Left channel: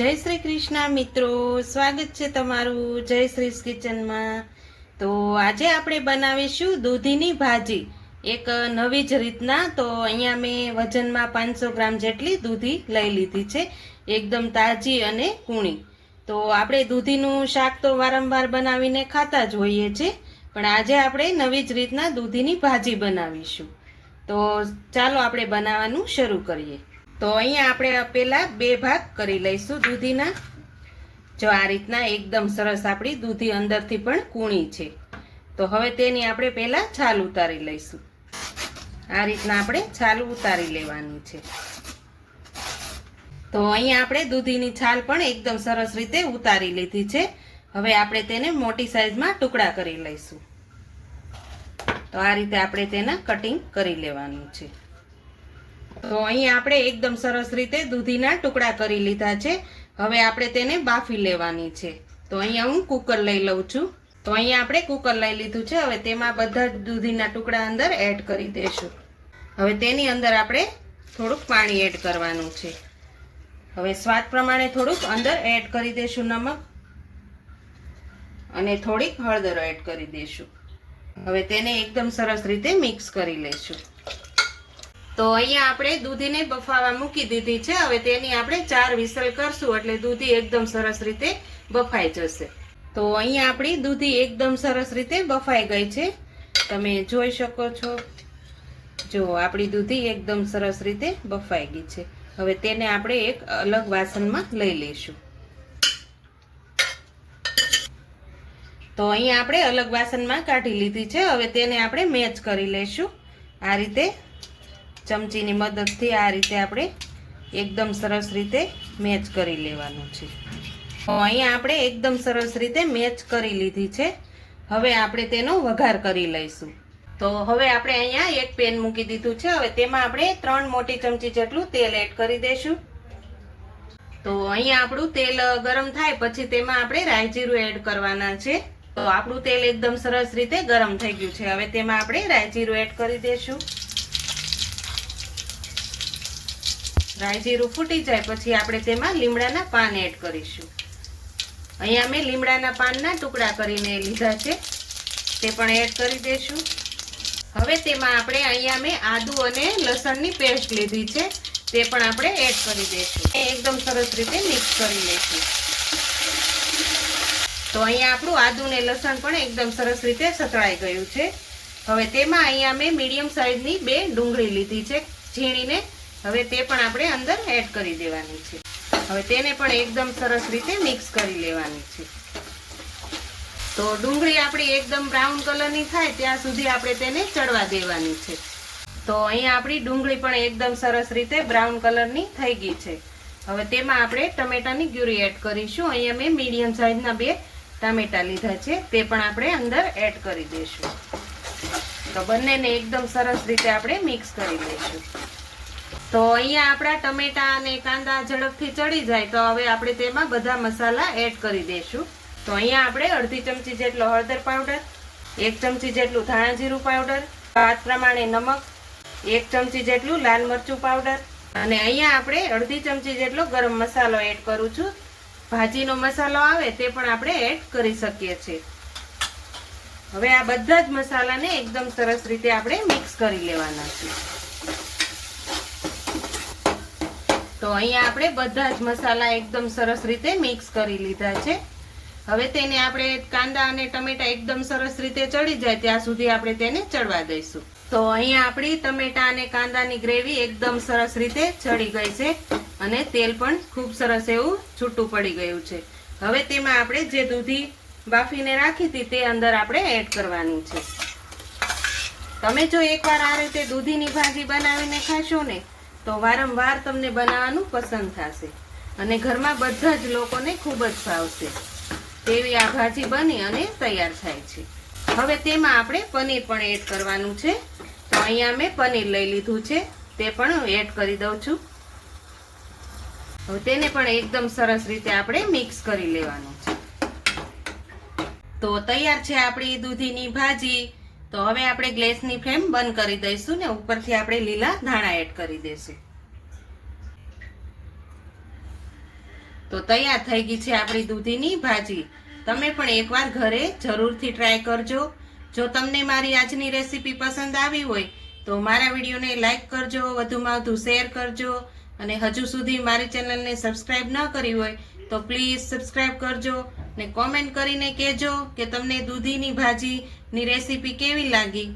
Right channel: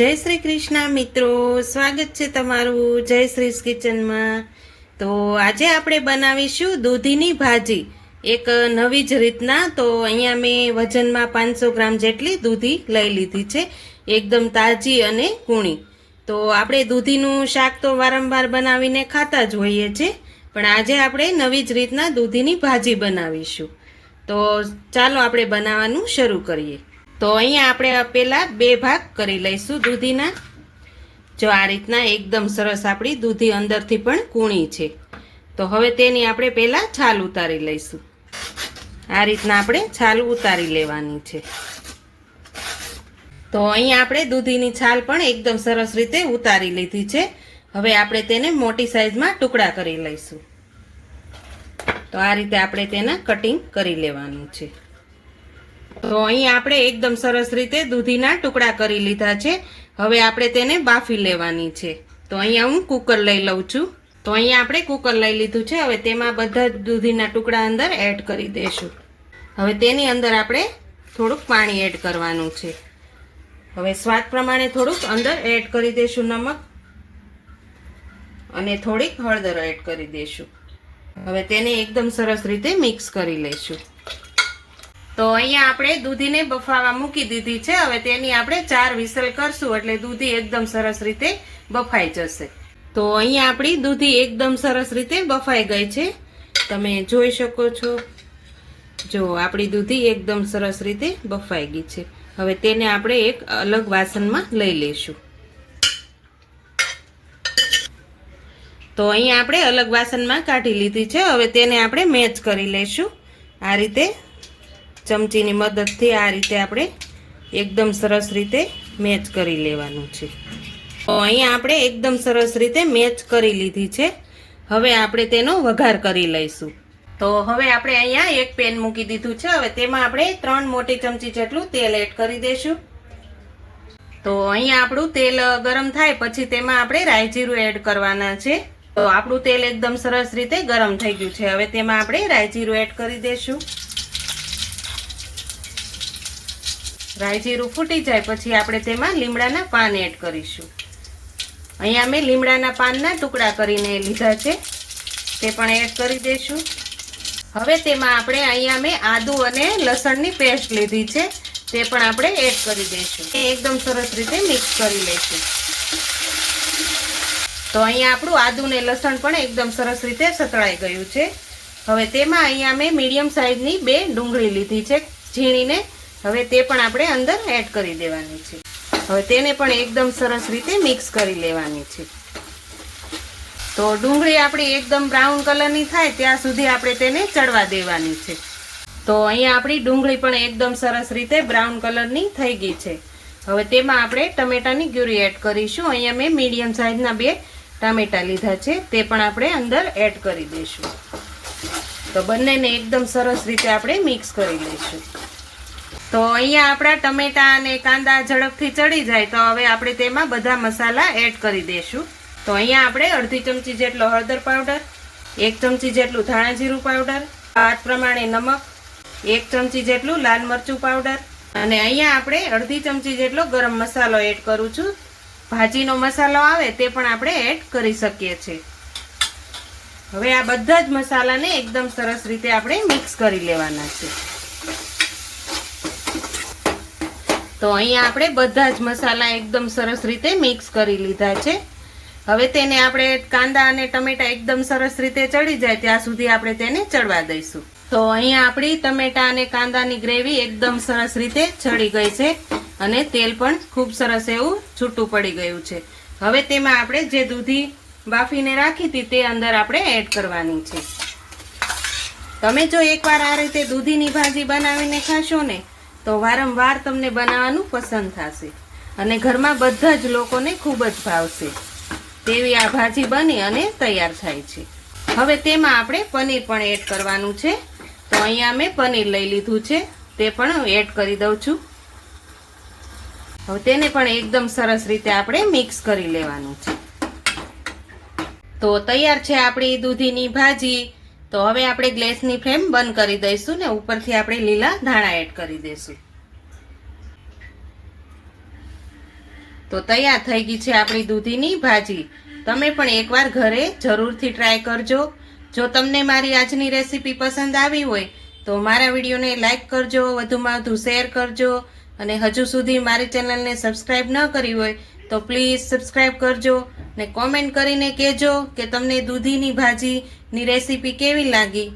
જય શ્રી કૃષ્ણ મિત્રો, સ્વાગત છે તમારું જય શ્રી કિચનમાં। તો આજે આપણે બનાવીશું દૂધીની ભાજી, એક નવી જ રીતના। તો અહીંયા મેં વજનમાં 500 ગ્રામ જેટલી દૂધી લઈ લીધી છે, એકદમ તાજી અને કૂણી। તો આપણે દૂધીનું શાક તો વારંવાર બનાવીને ખાતા જ હોઈએ છીએ, પણ આજે આપણે નવી જ રીતના દૂધીની ભાજી બનાવીશું। તો ચાલો આપણે બનાવવાનું શરૂ કરીએ। તો અહીંયા આપણે પહેલા 2 ભાગ કરી લઈશું દૂધીના। જો આ રીતના એકદમ સરસ આપણી દૂધી અંદરથી પણ કૂણી છે। તો હવે તેની આપણે પહેલા છાલ ઉતારી લઈશું। આ રીતના આપણે છાલ ઉતારી લેવાની છે। તો અહીંયા આપણે દૂધીની છાલ પણ એકદમ સરસ રીતે ઉતારી લીધી છે। હવે આપણે તેને મોટી સાઈઝમાં ટુકડા કરી લઈશું। તો આ રીતે આપણે તેના કટિંગ કરી લેવાનું છે। તો અહીંયા આપણે એકદમ સરસ રીતે દૂધીના ટુકડા કરી લીધા છે। હવે આપણે તેને બાફી લેવાની છે। તો અહીંયા હું કુકર લઈ લઉં છું। તો અહીંયા આપણે કુકર લઈ લીધું છે। હવે તેમાં બધા જ દૂધીના ટુકડા અંદર એડ કરી દઈશું। હવે તેની અંદર આપણે થોડુંક પાણી એડ કરવાનું છે। હવે સ્વાદ પ્રમાણે થોડુંક અંદર એડ કરી દઈશું નમક, અને થોડીક હળદર એડ કરી દઈશું। હવે તેને એકદમ સરસ રીતે મિક્સ કરી લઈશું। તો અહીંયા આપણે દૂધીને બફાવા મૂકી દીધી છે। હવે તેની આપણે 4 વિસલ કરશું એટલે દૂધી એકદમ સરસ રીતે બફાઈ જશે। તો અહીંયા આપણી દૂધી એકદમ સરસ રીતે બફાઈ ગઈ છે, તમે જોઈ શકો છો। જો આપણી દૂધી એકદમ સરસ રીતે બફાઈ ગઈ છે। હવે તેને આપણે એક અલગ વાસણમાં લઈ લઈશું। તો અહીંયા આપણે અલગ વાસણમાં કાઢી લીધી છે। હવે તેને આપણે મેચ કરી લઈશું। આ રીતે ચમચીની મદદથી આ રીતે આપણે એકદમ સરસ રીતે મેચ કરી લેવાનું છે। તો અહીંયા આપણે એકદમ સરસ રીતે મેચ કરી લીધી છે। હવે આપણે તેનો વઘાર કરી લઈશું। તો હવે આપણે અહીંયા એક પેન મૂકી દીધું છે। હવે તેમાં આપણે 3 મોટી ચમચી જેટલું તેલ એડ કરી દઈશું। તો અહીંયા આપણું તેલ ગરમ થાય પછી તેમાં આપણે રાઈ જીરું એડ કરવાના છે। તો આપણું તેલ એકદમ સરસ રીતે ગરમ થઈ ગયું છે। હવે તેમાં આપણે રાઈ જીરું એડ કરી દઈશું। રાઈ જીરું ફૂટી જાય પછી આપણે તેમાં લીમડાના પાન એડ કરીશું। અહીંયા મેં લીમડાના પાનના ટુકડા કરીને લીધા છે, તે પણ એડ કરી દઈશું। હવે તેમાં આપણે અહીંયા મેં આદુ અને લસણની પેસ્ટ લીધી છે, તે પણ આપણે એડ કરી દઈશું। એકદમ સરસ રીતે મિક્સ કરી લઈશું। તો અહીંયા આપણું આદુ ને લસણ પણ એકદમ સરસ રીતે સતળાઈ ગયું છે। હવે તેમાં અહીંયા મેં મીડિયમ સાઈઝની 2 ડુંગળી લીધી છે ઝીણીને। હવે તે પણ આપણે અંદર એડ કરી દેવાની છે। હવે તેને પણ એકદમ સરસ રીતે મિક્સ કરી લેવાની છે। તો ડુંગળી આપણી એકદમ બ્રાઉન કલરની થાય ત્યાં સુધી આપણે તેને ચડવા દેવાની છે। તો અહીંયા આપણી ડુંગળી પણ એકદમ સરસ રીતે બ્રાઉન કલરની થઈ ગઈ છે। હવે તેમાં આપણે ટમેટાની ગ્યુરી એડ કરીશું। અહીંયા મેં મીડિયમ સાઈઝના 2 ટામેટા લીધા છે, તે પણ આપણે અંદર એડ કરી દઈશું। તો બંનેને એકદમ સરસ રીતે આપણે મિક્સ કરી લઈશું। તો અહીંયા આપણા ટમેટા અને કાંદા ઝડપથી ચડી જાય તો હવે આપણે તેમાં બધા મસાલા એડ કરી દઈશું। તો અહીંયા આપણે અડધી ચમચી જેટલો હળદર પાવડર, 1 ચમચી જેટલું ધાણા જીરું પાવડર, સ્વાદ પ્રમાણે નમક, 1 ચમચી જેટલું લાલ મરચું પાવડર, અને અહીંયા આપણે અડધી ચમચી જેટલો ગરમ મસાલો એડ કરું છું। ભાજીનો મસાલો આવે તે પણ આપણે એડ કરી શકીએ છીએ। હવે આ બધા જ મસાલાને એકદમ સરસ રીતે આપણે મિક્સ કરી લેવાના છે। તો અહીંયા આપણે બધા જ મસાલા એકદમ સરસ રીતે મિક્સ કરી લીધા છે। હવે તેને આપણે કાંદા અને ટમેટા એકદમ સરસ રીતે ચડી જાય ત્યાં સુધી આપણે તેને ચડવા દઈશું। તો અહીંયા આપણી ટમેટા અને કાંદાની ગ્રેવી એકદમ સરસ રીતે ચડી ગઈ છે, અને તેલ પણ ખૂબ સરસ એવું છૂટું પડી ગયું છે। હવે તેમાં આપણે જે દૂધી બાફીને રાખી હતી તે અંદર આપણે એડ કરવાની છે। તમે જો એકવાર આ રીતે દૂધીની ભાજી બનાવીને ખાશો ને તો વારંવાર તમને બનાવવાનું પસંદ થશે, અને ઘરમાં બધા જ લોકોને ખૂબ જ ભાવશે તેવી આ ભાજી બની અને તૈયાર થાય છે। હવે તેમાં આપણે પનીર પણ એડ કરવાનું છે। તો અહીંયા મેં પનીર લઈ લીધું છે, તે પણ એડ કરી દઉં છું। હવે તેને પણ એકદમ સરસ રીતે આપણે મિક્સ કરી લેવાનું છે। તો તૈયાર છે આપણી દૂધીની ભાજી। તો હવે આપણે ગેસની ફ્લેમ બંધ કરી દઈશું ને ઉપરથી આપણે લીલા ધાણા એડ કરી દઈશું। તો તૈયાર થઈ ગઈ છે આપણી દૂધીની ભાજી. તમે પણ એકવાર ઘરે જરૂરથી ટ્રાય કરજો. જો તમને મારી આજની રેસીપી પસંદ આવી હોય તો મારા વિડીયોને લાઈક કરજો, વધુમાં વધુ શેર કરજો, અને હજુ સુધી મારી ચેનલને સબસ્ક્રાઈબ ન કરી હોય તો પ્લીઝ સબસ્ક્રાઈબ કરજો ને કોમેન્ટ કરીને કહેજો કે તમને દૂધીની ભાજીની રેસીપી કેવી લાગી.